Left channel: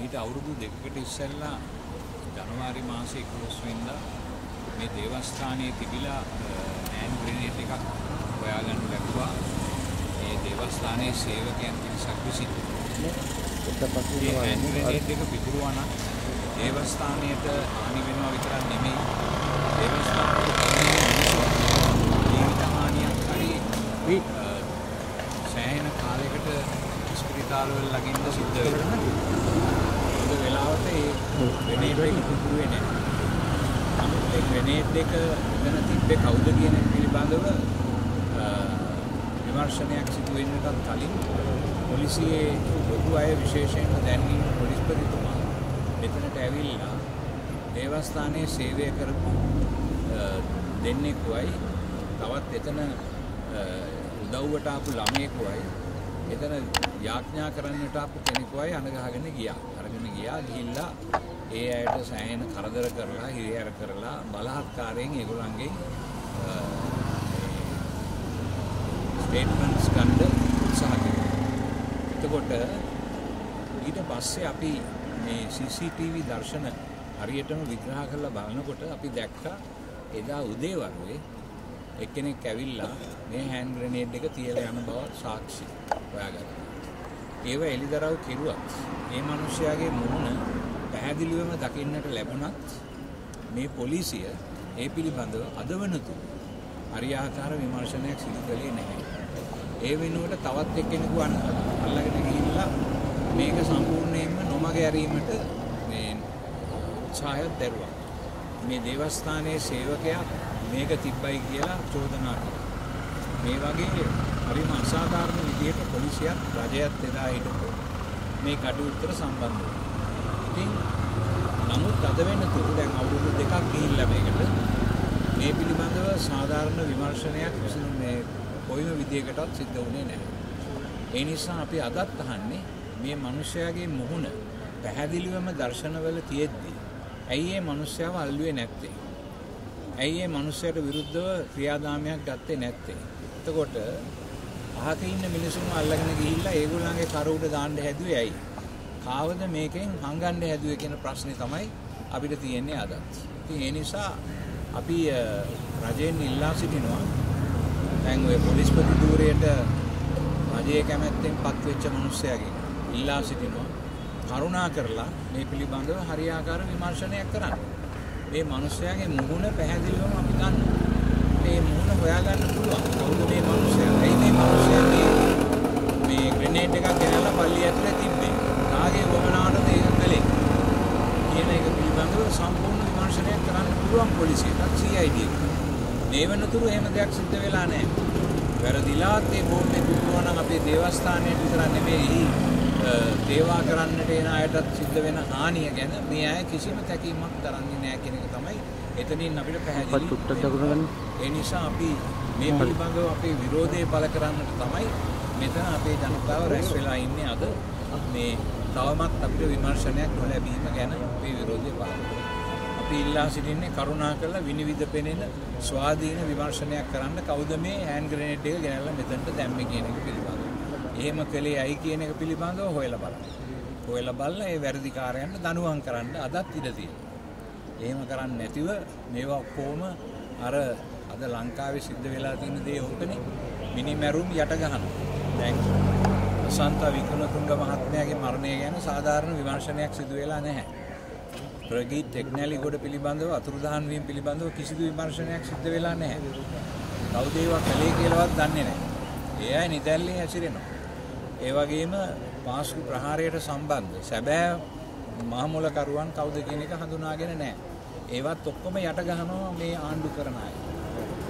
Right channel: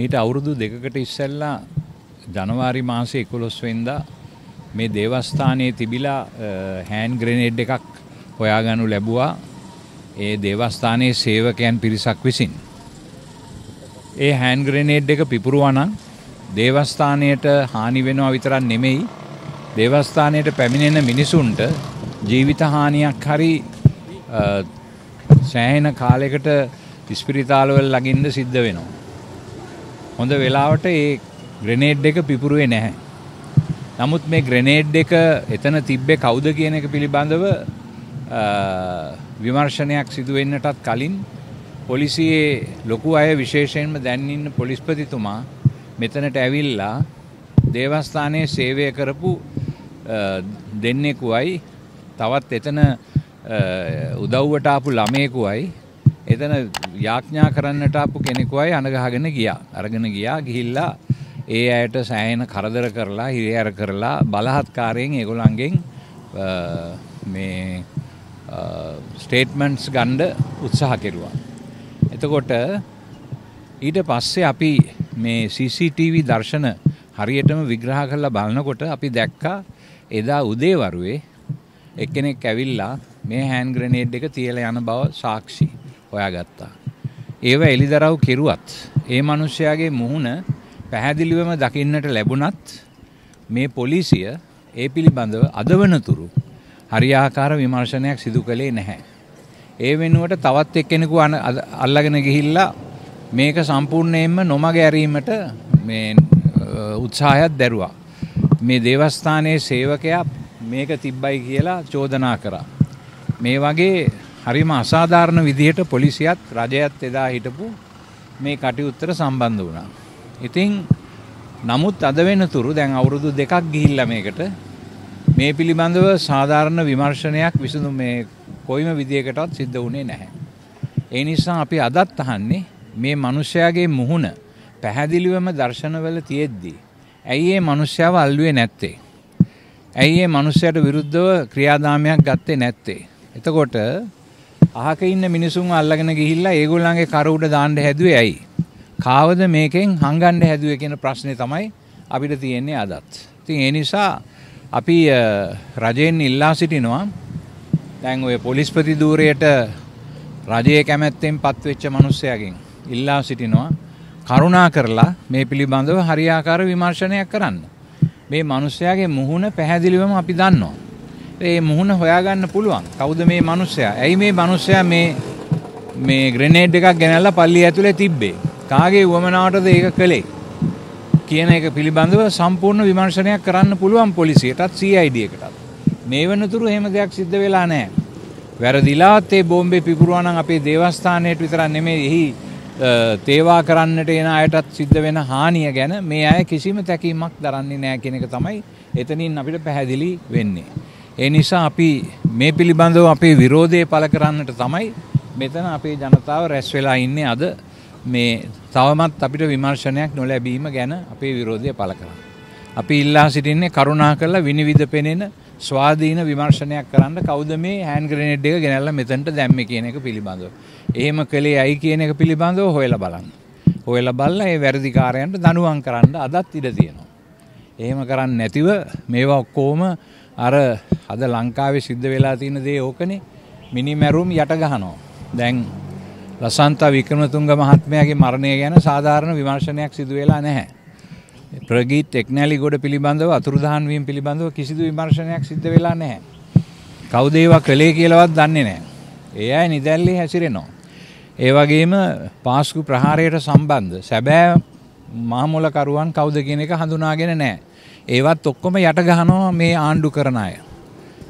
මීට අවුරුදු දෙකකට ඉස්සෙල්ලා ජනවාරි මාසේ 11 වෙනිදා මේ දේවස්ථානයේ තිබිලා හෑන්ඩ් ග්‍රෙනේඩ් එකක් හොයාගනු ලැබුවා ඒ දේවස්ථානයේ සේවකයන් පිරිසක් විසින්. ඒ හෑන්ඩ් ග්‍රෙනේඩ් එක පිපුරුවා නම් දේවස්ථානයට හානි වෙනවා විතරක් නෙමෙයි දේවස්ථානයට පැමිණෙන මිනිසුන්ට ජීවිත හානියක් හරි සෑහෙන කාලයකට ඉස්පිරිතාලවල ළඟින්ද සිද්ධ වෙනවා. හොඳ වෙලාවට ඒ ග්‍රෙනේඩ් එක පිපුරුවේ නැහැ. නමුත් මේ ග්‍රෙනේඩ් එක එතන තිබ්බේ කවුද කියන එක පිළිබඳව විමර්ශනයක් සිදු වෙන්නටත් කලින් පොලිසියේ ලොකු අය විශේෂයෙන්ම දැන් ඉන්න පොලිස්පතිතුමා මෙතනට ඇවිල්ලා දේවස්ථානයේ සේවය කරපු දෙන්නෙකුයි තවත් එතන උදව්වට ආපු ළමයෙකුයි එතන යාඥා කරන්නට ආපු කෙනෙකුයි අනගහගෙන ගියා. අරගෙන ගියා ගිහිල්ලා ඒ අයට සෑහෙන කරදර කරලා හිරිහැර කරලා බලහත්කාරයෙන් ඒගොල්ලන්ගෙන් මේ ස්ටේට්මන්ට්ස් ගන්න උත්සාහ කෙරුවා. එතකොට ඊට පස්සේ අපි මේ CCTV දර්ශන හරියටම විග්‍රහ කරලා බලනකොට අපි දැක්කා එදා උදේවරුේ එක්කෙනෙක් ඇවිල්ලා මේ හෑන්ඩ් ග්‍රෙනේඩ් එක තියලා යන බව සාක්ෂි හොයාගත්තා. ඒව එලිදරව් කෙරුවත් ඒ මිනිස්යාගේ මුහුණ පැහැදිලිවම දකින්නට ලැබුණත් මේ පොලිසිය ඒ පිළිබඳව අදවනතුරු හරියාකාර විමර්ශනයක් සිදු කළේ නැහැ. ඒ වෙනුවට තවත් එක්කෙනෙකු අල්ලගෙන ගිහිල්ලා මේක සම්පූර්ණයෙන්ම නොමග ඇරීමට මේ උත්සාහයක් දැරුවා. මේ දේවස්ථානයේ සේවකයා මේක තිබ්බයි කියලා චෝදනා කරා. මේ වගේ හරිම අසාධාරණ විදිහට පොලිසියත් රජයත් එදා හිටපු මේ කටයුත්තට සම්බන්ධ වුණා. ඉතින් නමුත් අද වෙනතුරු දැන් අවුරුදු 2ක් ගිහිල්ලා මේකට මේ පිළිබඳව සාධාරණ විමර්ශනයක් විසඳු මේ කොයිම විදියකටවත් සිද්ධ වුණේ නැහැ. ඒ නිසා අපි අදත් අහන්නේ මේ මිනිස්යාගේ මුහුණ පැහැදිලිවම දර්ශනවල තියෙද්දි ඇයි මේ මිනිස්යාව අල්ලුවේ නැත්තේ? ඇයි මේ මිනිස්යාට විරුද්ධව ක්‍රියාදාමයක් ගත්තේ නැත්තේ? එතකොට අහක ඉන්න මිනිසුන් අල්ලගෙන ගිහිල්ලා ඒගොල්ලන්ගේ කර උඩ දාන්න හැදුවේ ඇයි? කාවද මේකෙන් හංගන්න හැදුවේ කියන ප්‍රශ්නේ තමයි අපිට තියෙන්නේ අදත්. ඉතින් ඒ නිසා අපි රජයෙන් ඉල්ලා සිටිනවා දැන් ඔය පොලිස්පති ධූරයට රජයේ කැමැත්තෙන් පත්වෙච්ච මිනිස්සයාගෙන් ඉල්ලා සිටිනවා කරුණා කරලා මේ පිළිබඳව හරියාකාර විමර්ශනයක් කරන්න. මේ මිනිස්සයාගේ මුහුණ පැහැදිලිවම අපි දන්නවා. ඒ මුහුණ හොයාගන්න පුළුවන්. කවුද මේ මිනිස්සයා? ඇයි මේ මිනිස්සයා මේ ග්‍රෙනේඩ් එකක් ගෙනල්ලා පල්ලිය ඇතුලේ තිබ්බේ? කාගේ වමනාවටද ඒක කළේ? කියන එක පිළිබඳව සම්පූර්ණ විමර්ශනයක් කරන්න පුළුවන් පොලිසියටත් CID එකටත්. මේ වෙනතුරු එහෙම දෙයක් සිද්ධ වෙලා නැහැ. වැරදිලාත් ඒ බෝම්බේ පිපුරුවා නම් අපේ දේවස්ථානයට විතරක් නෙමෙයි එහි තේවා කරන්නට එන අයටත් සිද්ධ වෙන හානිය ගැන මේ අය කිසිම තැකීමක් දරන්නේ නැහැ කියන එක තමයි එතනින් අපිට පැහැදිලි වෙන්නේ. ඒ නිසා අපි මේ පිළිබඳව අපේ විරෝධය පළ කරන්නට තමයි මෙතන අපේ ජනතාව රැස් වෙලා ඉන්නේ අද මේ තවමත් අපිට විමර්ශනයක් නොලැබීම ගැන අපේ විරෝධය පළ කරනවා. අපි ඉල්ලා සිටින්නේ කරුණා කරලා විනිවිද පෙනෙන ස්වාධීන විමර්ශනයක් කරන්න කවුද මේ හෑන්ඩ් ග්‍රෙනේඩ් එක ගෙනල්ලා මෙතනට දැම්මේ කියන එක පිළිබඳව. එහෙම කළේ ඇයි කියන එක පිළිබඳව හොයලා බලන්න. හොයලා බලලා ඒ වැරදිකාරයන්ට දඬුවම් කරන්න අදත් ඉඩ තියෙනවා. එහෙම කරන්නේ නැතිව මේවා ඔක්කොම අර අද ලංකාවේ සිද්ධ වෙලා තියෙන දේ ඕකනේ මිනිමැරුම් යට ගහනවා. දැන් ලසන්ත වික්‍රමතුංග මහත්මයාගේ මරණය ගැන සාධාරණ විමර්ශනයක් සිදු වෙලා නැහැ. ප්‍රගීත් ටෙක්නැලිගොඩ පිළිබඳව අතුරුදහන් වීම පිළිබඳව කිසිදු විමර්ශනයක් සිද්ධ වෙලා නැහැ. කවුද ඒවා කළේ කියලාවත් දන්නේ නැහැ. ඒ අය නිදැල්ලේ හැසිරෙනවා. ඒ වගේම පාස්කු ප්‍රහාරයට සම්බන්ධ සැබෑ මහමුලකරුවන් කවුද කියන එක හඳුනාගෙන නැහැ. ඒවත් ඔක්කොම යට ගහනවා මේ ආණ්ඩු කරන අය.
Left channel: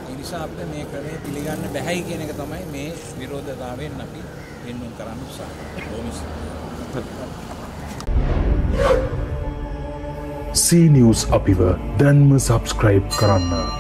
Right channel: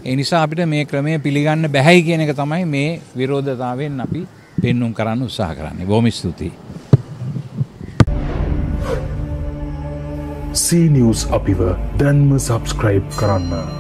ඒ නිසා අපිට මේ ක්‍රමය පිළිගන්න බැහැයි කියන එක තමයි මේ විරෝධතාවයෙන් අපි පෙන්눔 කරන්න උත්සාහ කරන්නේ. බොහොම ස්තුතියි. C News අපිව දැන්ම subscribe කරන්න.